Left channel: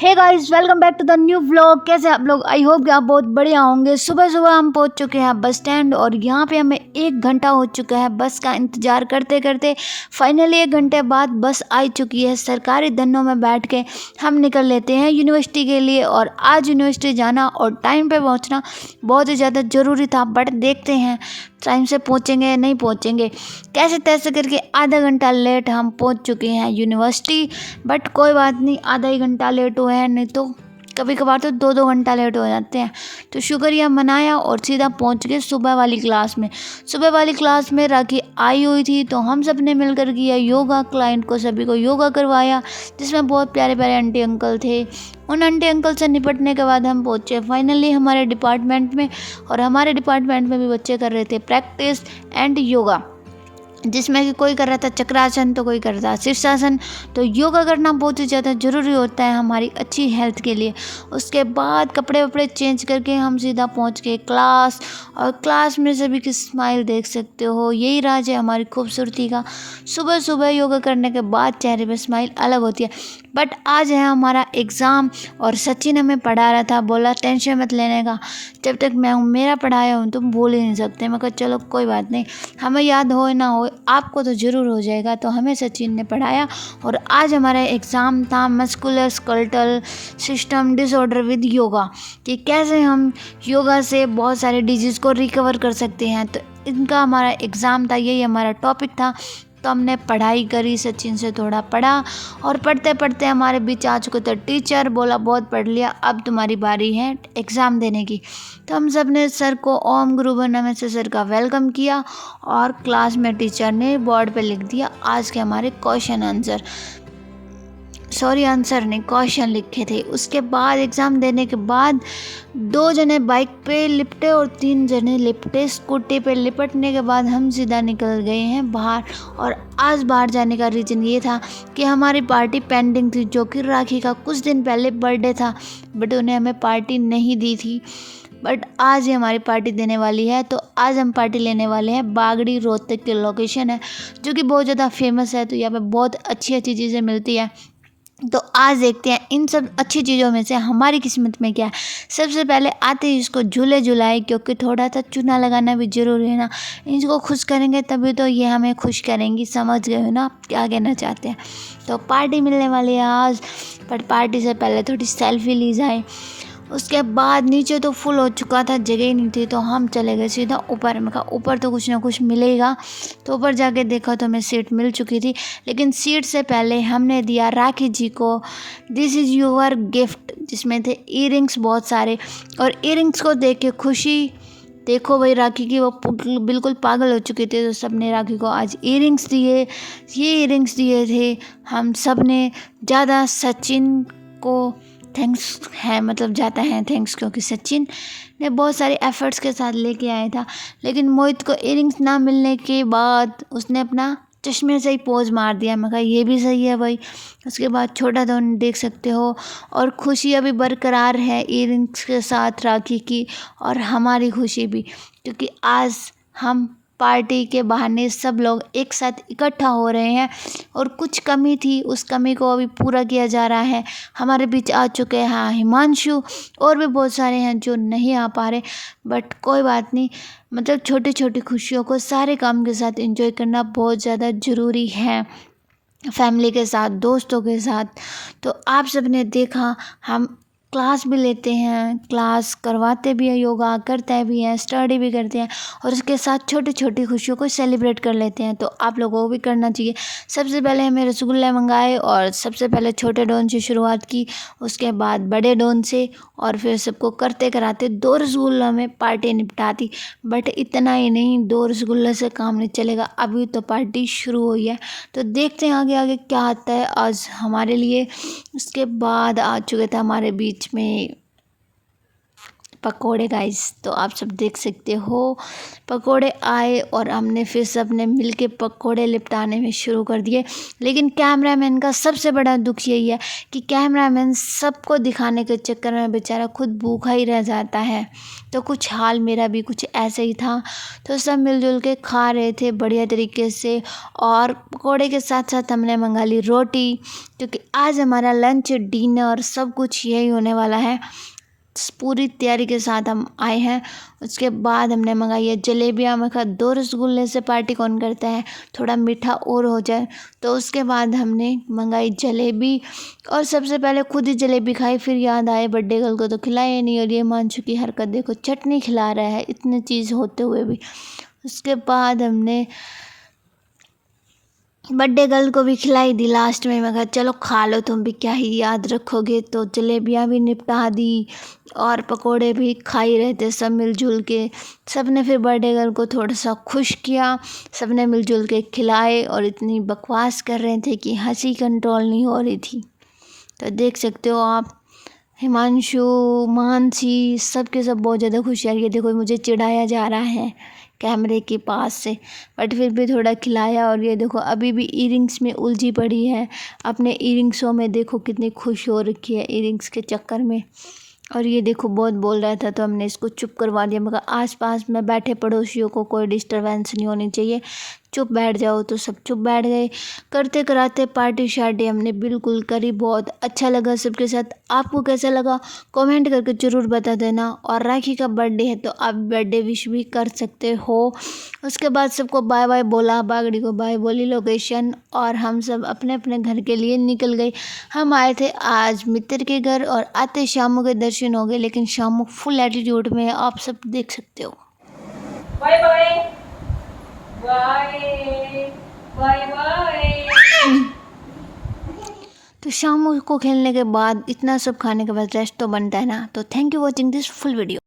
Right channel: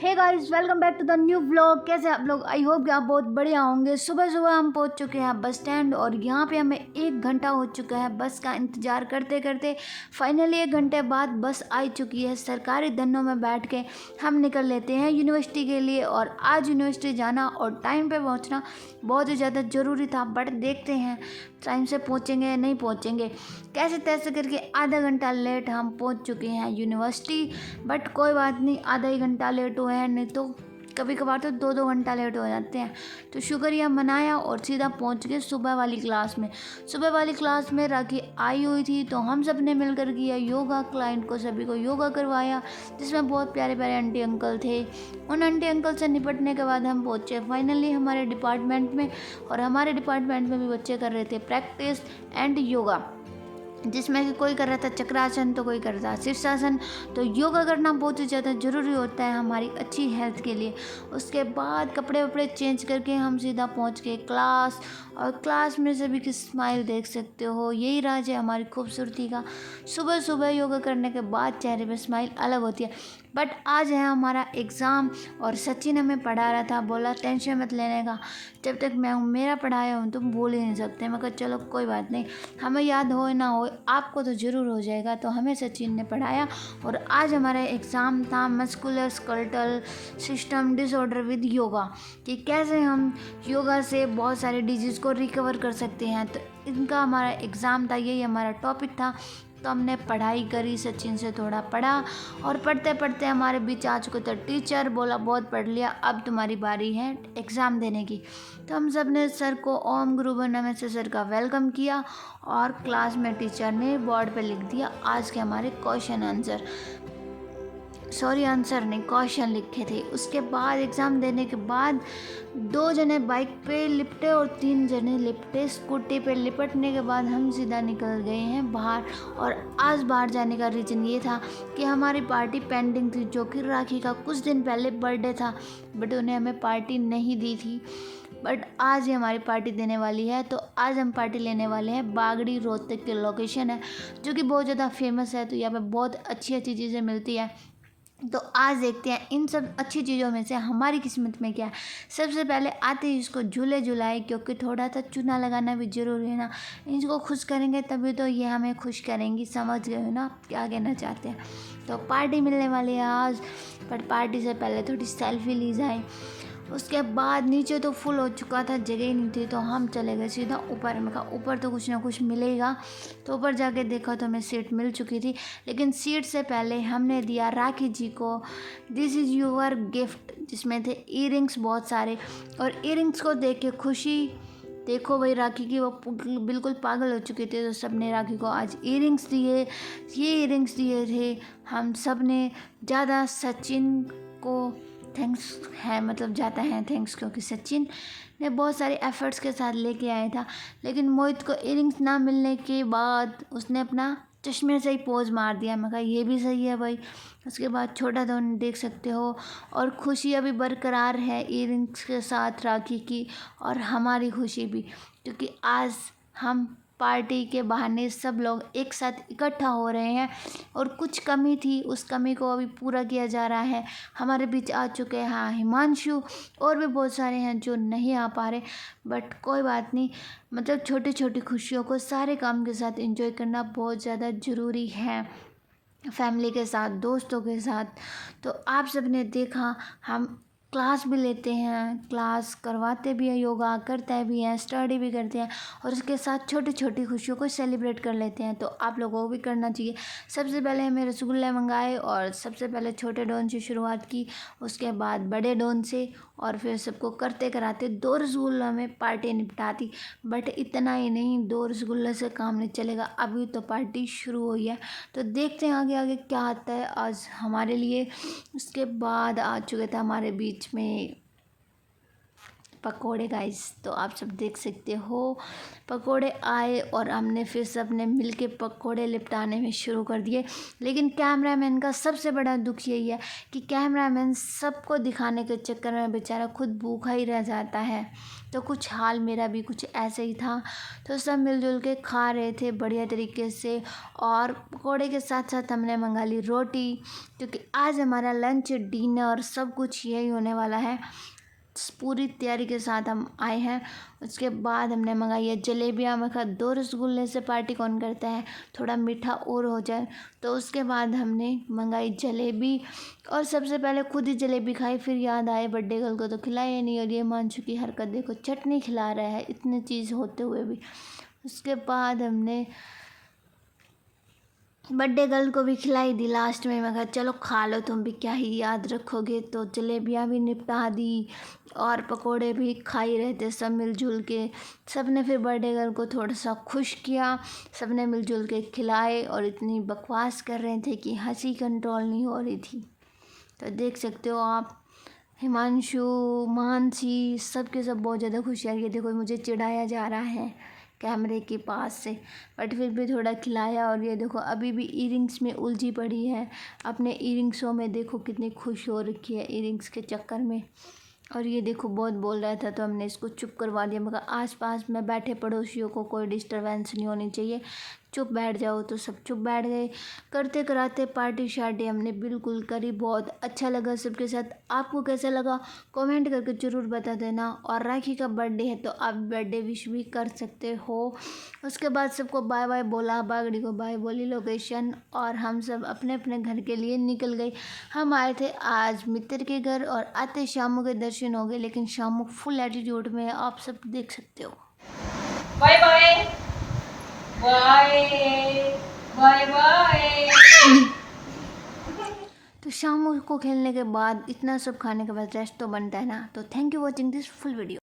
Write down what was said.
Hey guys, welcome back to the new vlog. कैसे आप लोग? आई होप कि आप बहुत बढ़िया होंगे। सुबह सुबह हम पहुंच चुके हैं बस स्टैंड और यहाँ पे हमें 1 घंटा हो चुका है बस का इंतज़ार करते करते। फाइनली 1 घंटे बाद बस आ चुकी है। सरकारी धन्नों में बैठ के हम निकल लेते हैं यूनिवर्सिटी के लिए। और आज यूनिवर्सिटी जाना और टाइम पे पहुंचना बहुत ही ज़्यादा ज़रूरी था, बट देखते हैं टाइम से पहुंचेंगे या नहीं पहुंचेंगे। कैसे तैसे करके आधा घंटा लेट हम पहुंच चुके हैं यूनिवर्सिटी, बट कोई बात नहीं, आधा ही घंटा लेट हुए हैं, नहीं तो कभी कभार तो 2-2 घंटा लेट हो जाते हैं। तो शुक्रिया मनाया और सीधा पहुंच गए सुबह वाली क्लास में। सुबह वाली क्लास में राखी आई हुई थी तो हम सब ने मिलकर किया योगा। क्लाइंट को सभी को योगा करवाया, जिसमें बहुत प्यारे प्यारे आंटी अंकल थे। उन आंटी अंकल से निपटने के बाद हम पहुँचे फाइनली हमारे डिपार्टमेंट में। और हमारे डिपार्टमेंट में भी बच्चे कर रहे थे प्रैक्टिस एंड योगा, जिसमें कि कोई कर रहा था चक्रासन तो कोई कर रहा था शीर्षासन। तो योगा करना बहुत ही ज़्यादा ज़रूरी होता है हमारी अच्छी हेल्थ के लिए। उसके बाद कपड़े वपड़े चेंज करके हम सीधा पहुंच गए क्लास। और क्लास में सभी की स्माइल देख सकते हो, यही राज है हमारी खूबसूरती का। सुबह सुबह योगा करने के बाद चेहरे पे स्माइल अलग होती है। बट आज है हमारा एग्ज़ाम और सचिन हमें पढ़ा रहा था, बोला टेंशन मत लेने का, जब तक मैं हूँ मेरा पढ़ाया हूँ तुम भूल ही नहीं सकते। मैं कहा चलो कोई बात नहीं, हमें याद हो ना हो आपको तो ज़रूर हो जाएगा। तो हमें सचिन ने पढ़ाया और आज हमारा एग्ज़ाम था muscular skeletal system disorder with yoga, कि कैसे हम योगा से बहुत सारे डिजीज़ को रिकवर कर सकते हैं। तो इनका हमारा एग्ज़ाम था, यही हमारा टॉपिक था। तो हमने पढ़ाई करी, सचिन से थोड़ा पढ़ा और पढ़ते पढ़ते हमारे बीच आ चुके थे टीचर, बोला बहुत पढ़ लिया अब तुम्हारी बारी है एग्ज़ाम देने की। तो हम सब ने सर को ओम गुरु नमः से सर का वेलकम किया और क्लास में टीचर ने बोर्ड पे लिख दिया आज के हमारे आंसर नहीं क्वेश्चन लिखे थे। उसके बाद एग्ज़ाम देने के बाद 2 जने बाइक पे लिपटे और 3 जने लिपटे स्कूटी पे। लिपटने के बाद हम सीधा निकल गए हैं बाहर। और आज बाहर जाने का रीज़न ये था कि हमारी पार्टी पेंडिंग थी, जो कि राखी का कुछ दिन पहले बर्थडे था, बट उन्हें हमें पार्टी नहीं दी थी। बट आज ही हमारी पार्टी देने वाली है। तो आज हम पार्टी लेने वाले हैं। बागड़ी रोहतक की लोकेशन है, जो कि बहुत ज़्यादा फेमस है। तो यहाँ पे बहुत अच्छी अच्छी चीज़ें मिलती है। तो आज देखते हैं इन सब अच्छी चीज़ों में से हमारी किस्मत में क्या है। सबसे पहले आते ही इसको झूले झुलाए, क्योंकि थोड़ा सा चूना लगाना भी ज़रूरी है ना। इनको खुश करेंगे तभी तो ये हमें खुश करेंगी, समझ गए हो ना आप क्या कहना चाहते हैं। तो पार्टी मिलने वाली है आज, पर पार्टी से पहले थोड़ी सेल्फी ली जाए। उसके बाद नीचे तो फुल हो चुका था, जगह ही नहीं थी, तो हम चले गए सीधा ऊपर। में कहा ऊपर तो कुछ ना कुछ मिलेगा। तो ऊपर जाके देखा तो हमें सीट मिल चुकी थी, लेकिन सीट से पहले हमने दिया राखी जी को दिस इज़ योर गिफ्ट, जिसमें थे ईयरिंग्स बहुत सारे। और ईयरिंग्स को देख के खुशी देखो भाई राखी की, वो बिल्कुल पागल हो चुके थे। तो सब ने राखी को आज ईयरिंग्स दिए। ये ईयरिंग्स दिए थे हम सब ने। ज़्यादा सचिन को थैंक्स है, मतलब जाता है थैंक्स, क्योंकि सचिन ने बहुत सारे एफर्ट्स के साथ लेके आया था। लेकिन मोहित को इयरिंग्स ना मिलने के बाद उसने अपना चश्मे से ही पोज मार दिया। मैं कहा ये भी सही है भाई। उसके बाद छोटा दोन देख सकते हो। और खुशी अभी बरकरार है इयरिंग्स के साथ राखी की, और हमारी खुशी भी, क्योंकि आज हम पार्टी के बहाने सब लोग एक साथ इकट्ठा हो रहे हैं। और कुछ कमी थी, उस कमी को अभी पूरा किया जा रहा है। हमारे बीच आ चुके हैं हिमांशु, और भी बहुत सारे हैं जो नहीं आ पा रहे, बट कोई बात नहीं। मतलब छोटी छोटी खुशियों को सारे काम के साथ एंजॉय करना बहुत ज़्यादा ज़रूरी है, फैमिली के साथ, दोस्तों के साथ। तो आप सब ने देखा हम क्लास भी लेते हैं, क्लास करवाते भी हैं, योगा करते भी हैं, स्टडी भी करते हैं, और उसके साथ छोटी छोटी खुशियों को सेलिब्रेट कर लेते हैं। तो आप लोगों को भी करना चाहिए। सबसे पहले हमें रसगुल्ले मंगाए और सबसे पहले छोटे डोन से शुरुआत की, उसके बाद बड़े डोन से, और फिर सबको करते कराते 2 रसगुल्लों में पार्टी निपटा दी। बट इतना ही नहीं, 2 रसगुल्ले से काम नहीं चलेगा, अभी तो पार्टी शुरू हुई है। तो देखते हैं आगे आगे क्या आता है आज हमारे लिए। उसके बाद आ चुके थे हमारे बीच में पकोड़े गाइस। तो आप सब देख सकते हो पकोड़े आए और हमने फिर सब ने मिल के पकोड़े लिपटाने में शुरू कर दिए। लेकिन कैमरामैन का सबसे बड़ा दुख यही है कि कैमरामैन सबको दिखाने के चक्कर में बेचारा खुद भूखा ही रह जाता है। तो कुछ हाल मेरा भी कुछ ऐसे ही था। तो सब मिलजुल के खा रहे थे बढ़िया तरीके से, और पकोड़े के साथ साथ हमने मंगा ली रोटी, क्योंकि आज हमारा लंच डिनर सब कुछ यही होने वाला है। पूरी तैयारी के साथ हम आए हैं। उसके बाद हमने मंगाई है जलेबियाँ। मैं कहा 2 रसगुल्ले से पार्टी कौन करता है, थोड़ा मीठा और हो जाए। तो उसके बाद हमने मंगाई जलेबी, और सबसे पहले खुद ही जलेबी खाई, फिर याद आए बर्थडे गर्ल को तो खिलाया नहीं। और ये मानसू की हरकत देखो, चटनी खिला रहा है इतनी चीज़ होते हुए भी। उसके बाद हमने बर्थडे गर्ल को भी खिलाई दी लास्ट में। मैं कहा चलो खा लो, तुम भी क्या ही याद रखोगे। तो जलेबियाँ भी निपटा दी और पकोड़े भी खा ही रहे थे सब मिलजुल के। सब ने फिर बर्थडे गर्ल को थोड़ा सा खुश किया, सब ने मिलजुल के खिलाए, और इतनी बकवास कर रहे थे कि हंसी कंट्रोल नहीं हो रही थी। तो देख सकते हो आप, हिमांशु, मानसी, सब के सब बहुत ज़्यादा खुश है। ये देखो मुझे चिढ़ाया जा रहा है कैमरे के पास से, बट फिर भी थोड़ा खिलाया। और ये देखो अभी भी ईयरिंग्स में उलझी पड़ी है, अपने ईयरिंग्सों में देखो कितनी खुश हो रखी है ईयरिंग्स के चक्कर में। और ये देखो बहुत बोल रहा था तो हमने इसको चुप करवा दिया। मगर आसपास में बैठे पड़ोसियों को कोई डिस्टरबेंस नहीं होनी चाहिए, चुप बैठ जाओ। तो सब चुप बैठ गए। करते कराते पार्टी शार्टी हमने बिल्कुल करी, बहुत अच्छा लगा सबके साथ। आपको कैसा लगा कमेंट करके ज़रूर बता देना। और राखी का बर्थडे है तो आप बर्थडे विश भी कर सकते हो। उसके बाद सबको बाय बाय बोला, बागड़ी को बाय बोली लोकेशन, और हम सब अपने अपने घर के लिए निकल गए। हम आए थे आज मित्र के घर, और आते शामू के दर्शन हो गए, लेकिन शामू फुल एटीट्यूड में है, आप सब देख सकते हो। Bye bye bye bye bye. तो शाम को खेलने के बाद इतना सब खाने के बाद रेस्ट तो बनता है ना। तो thank you watching this full video.